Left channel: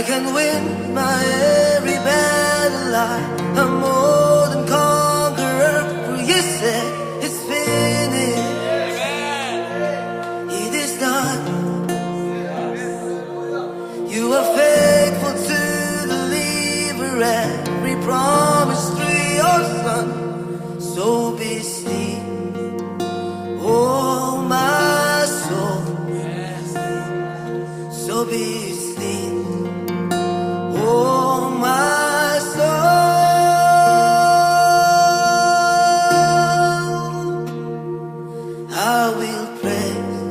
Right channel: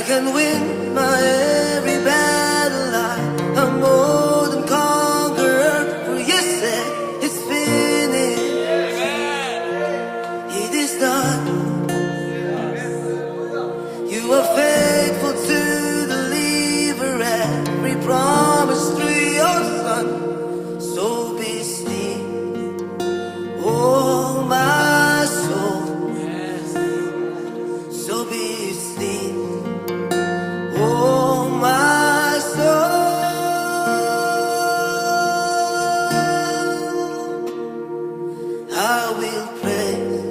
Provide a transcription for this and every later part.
I can win my every battle. I'm more than conqueror, for you said it's finished. It is done. You are faithful to deliver every promise through your Son. So be still, oh my soul. So be still, oh my soul. I will praise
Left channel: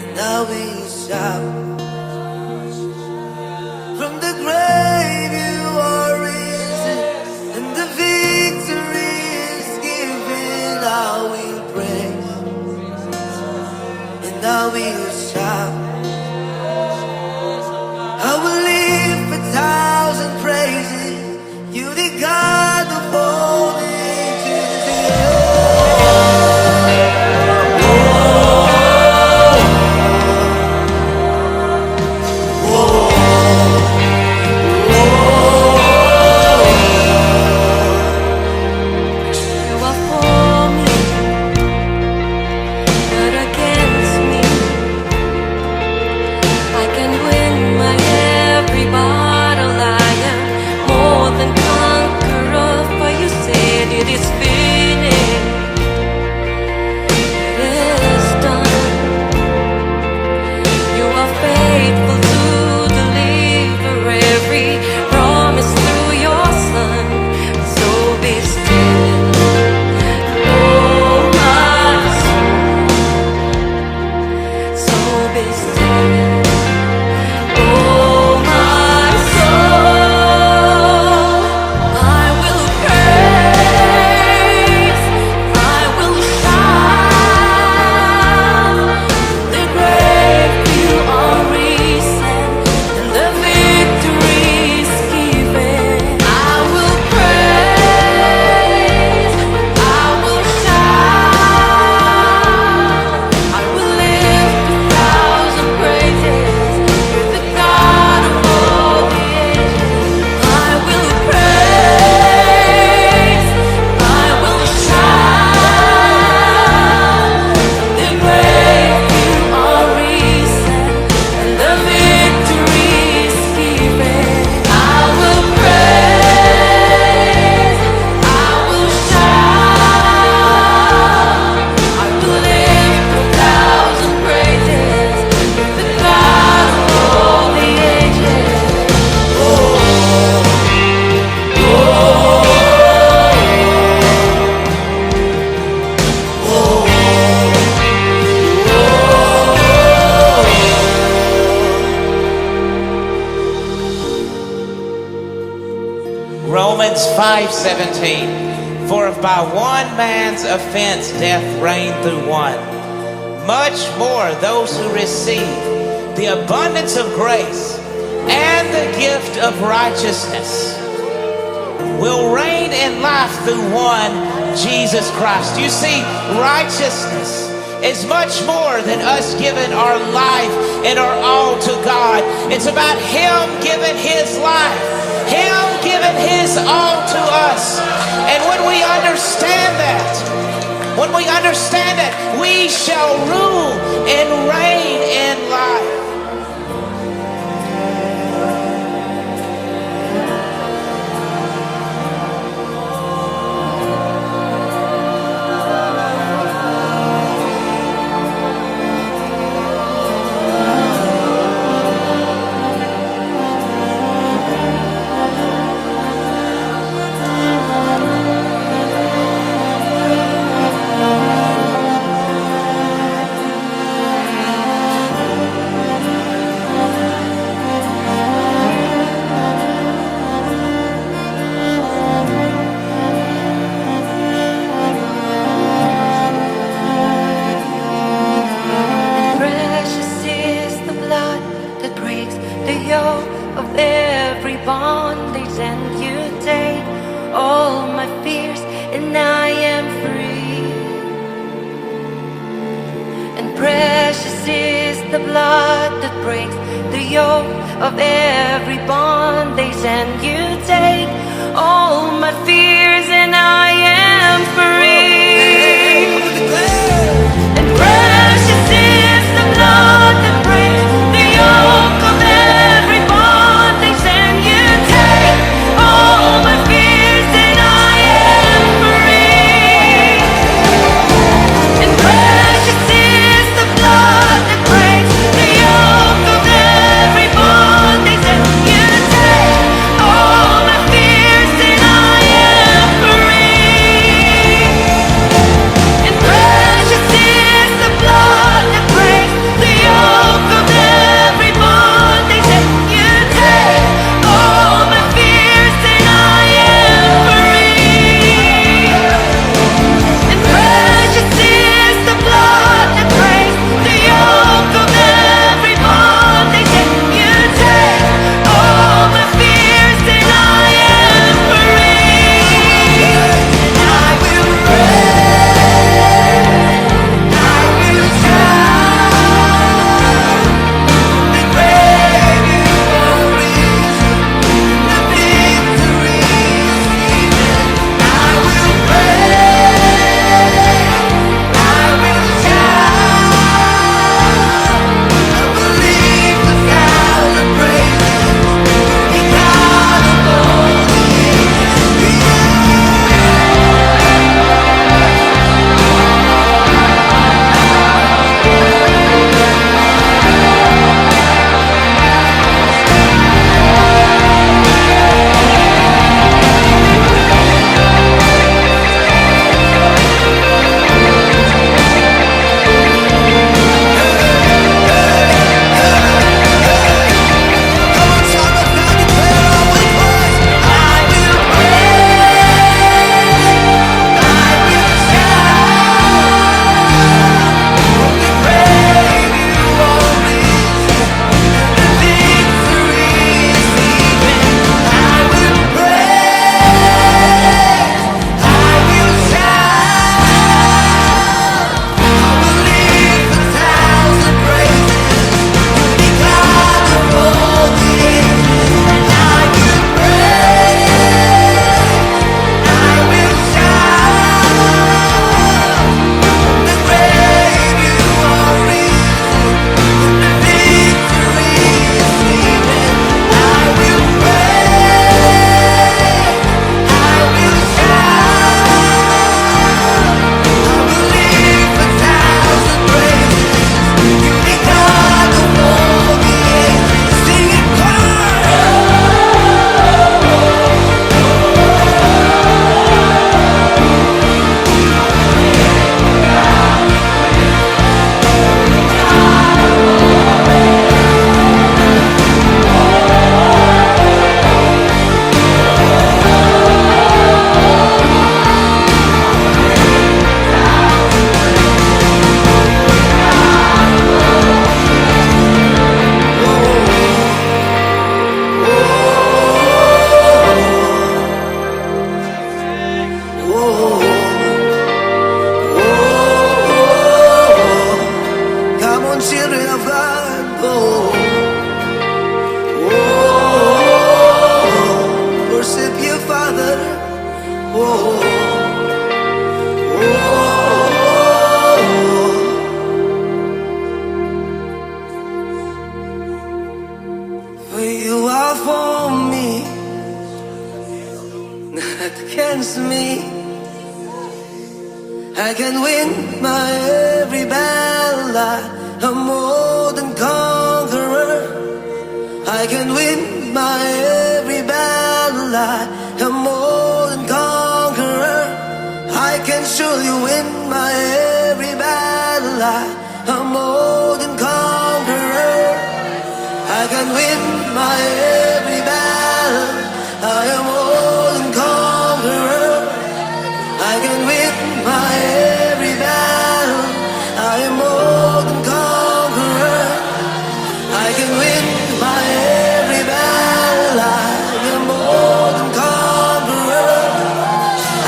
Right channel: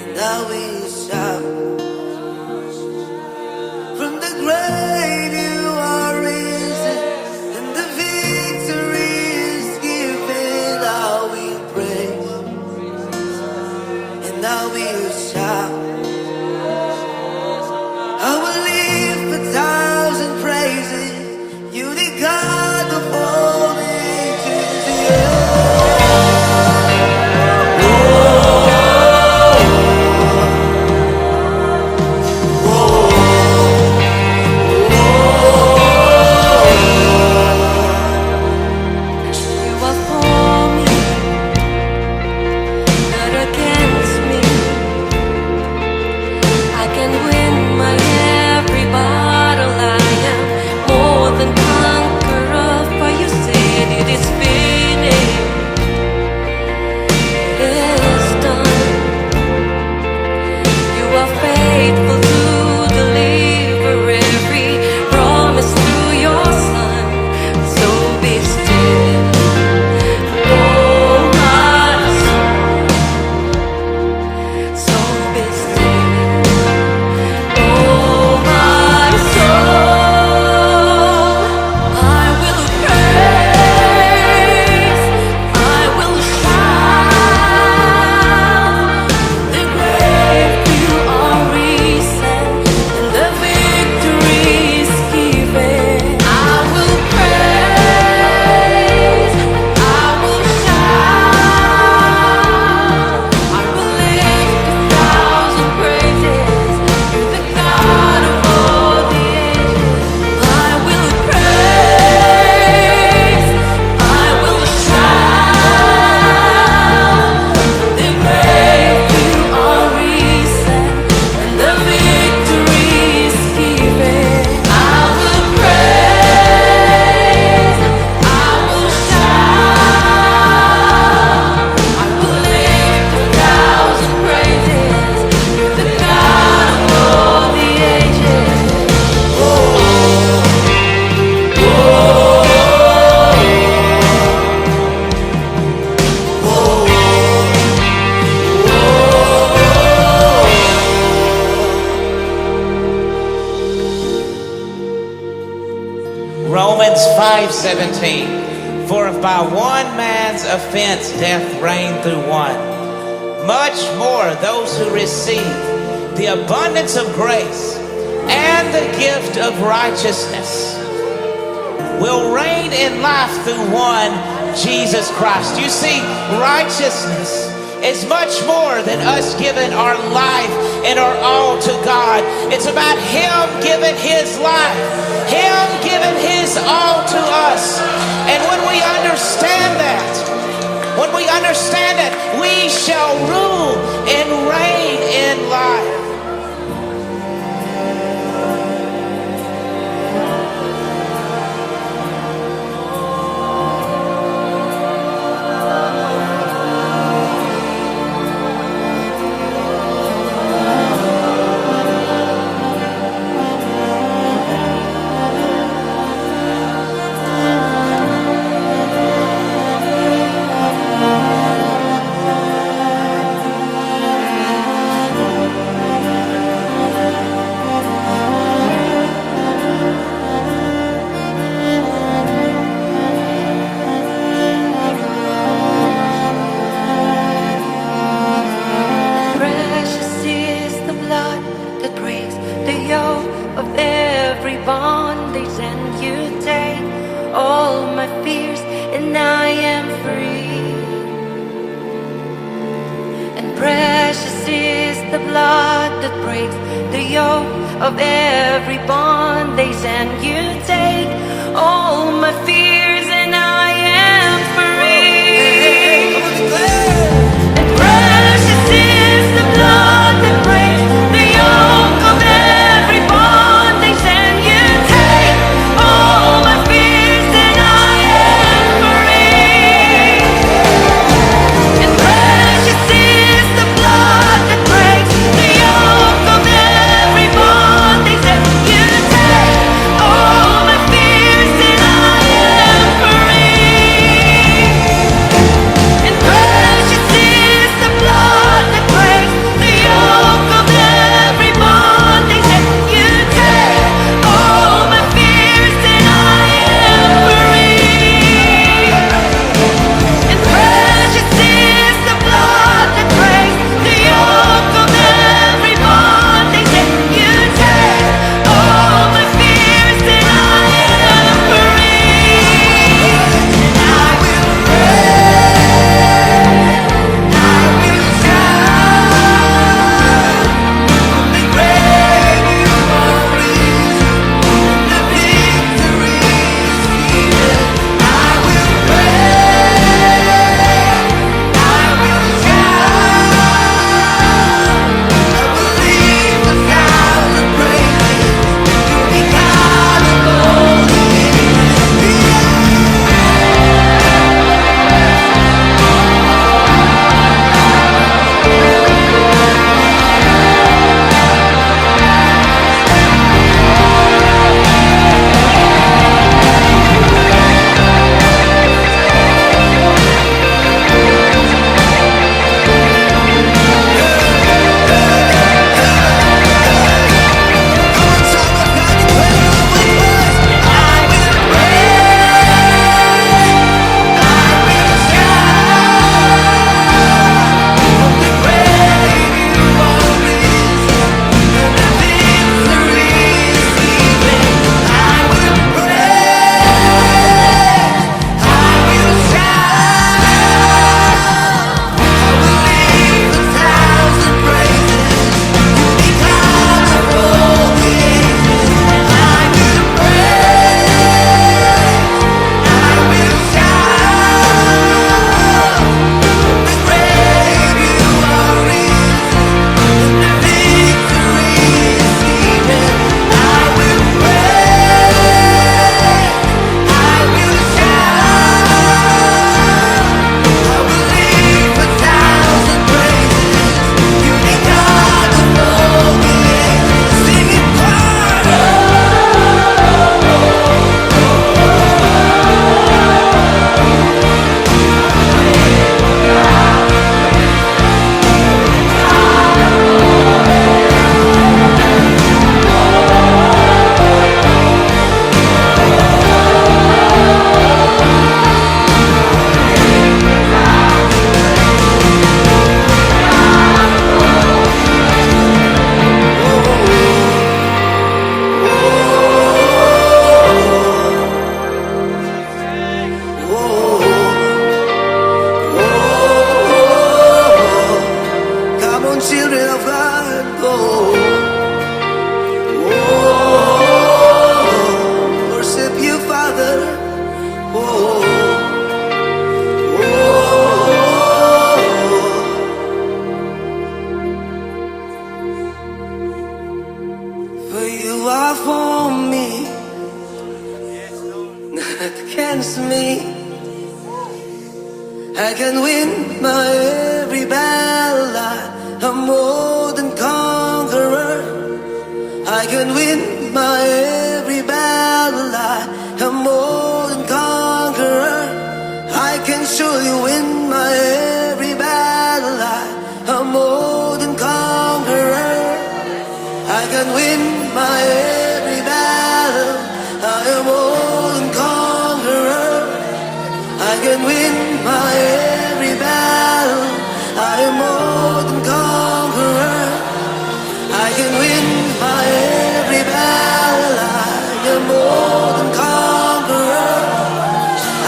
and I will shout. From the grave you are risen, and the victory is given. I will praise and I will shout. I will live 1,000 praises. You the God of all the ages, yeah. You are for me, not against me. I can win my every battle. I am more than conqueror, for you said it is finished. It is done. You are faithful to deliver every promise through your Son. So be still, oh my soul. So be still, oh my soul. I will praise, I will shout. The grave you are risen, and the victory is given. I will praise, I will shout. I will lift 1,000 praises. You're the God of all the ages. I will praise, I will shout. The grave you are risen, and the victory is given. I will praise, I will shout. I will lift 1,000 praises. You're the God of all the ages. Romans 5:17. For if by one man's offense death reigned through one, much more those who receive the abundance of grace and the gift of righteousness will reign in life through one, Jesus Christ. You see, righteousness is much more than us giving our life and our all to God. It's about Him giving His life, Him giving His all to us. And when we understand that, we shall rule and reign in life. Precious is the blood that breaks the yoke of every bondage, and you take all my fears, and I am free. And precious is the blood that breaks the yoke of every bondage, and you take all my fears, and I am free. Come on, declare. And precious is the blood that breaks the yoke of every bondage, and you take all my fears, and I am free. And precious is the blood that breaks the yoke of every bondage, and you take all my fears, and I am free. And precious is the blood that breaks the yoke of every bondage, and you take all my fears, and I am free. And precious is the blood that breaks the yoke of every bondage, and you take all my fears, and I am free. And I will praise, I will shout, from the grave you are risen, and the victory is given. I will praise, I will shout, I will lift 1,000 praises to the God of all the ages. Come on, child of God, declare I will praise. I will praise, I will shout, from the grave you are risen, and the victory is given. I will praise, I will shout, I will lift 1,000 praises to the God of all the ages. I will praise, I will shout, from the grave you are risen, and the victory is given. I will praise, I will shout, I will lift 1,000 praises to the God of all the ages. Sing it choir. Come on, children of God. Worship you, Father. For you are for me, not against me. I can win my every battle. I'm more than conqueror. I can win my every battle. I'm more than conqueror. I can surely win my every battle. I'm more than conqueror. I can win my every battle. I am more than conqueror. I can win my every battle. I am more than conqueror. I can win my every battle. I am more than conqueror.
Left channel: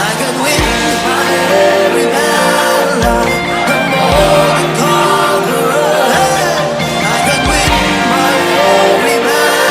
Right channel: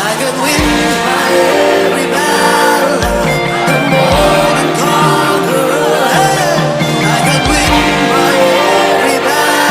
I can win my every battle. I'm more than conqueror. Hey, I can win my every battle.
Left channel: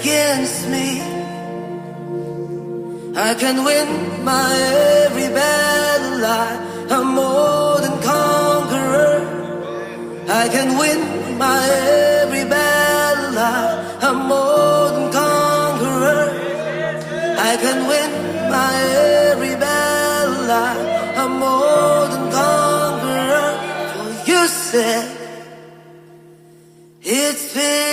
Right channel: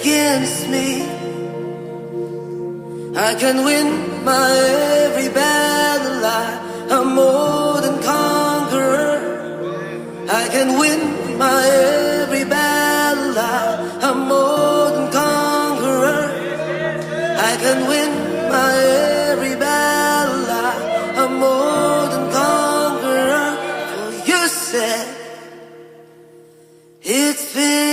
against me. I can win my every battle. I'm more than conqueror. I can win my every battle. I'm more than conqueror. I can win my every battle. I'm more than conqueror. For you said it's finished.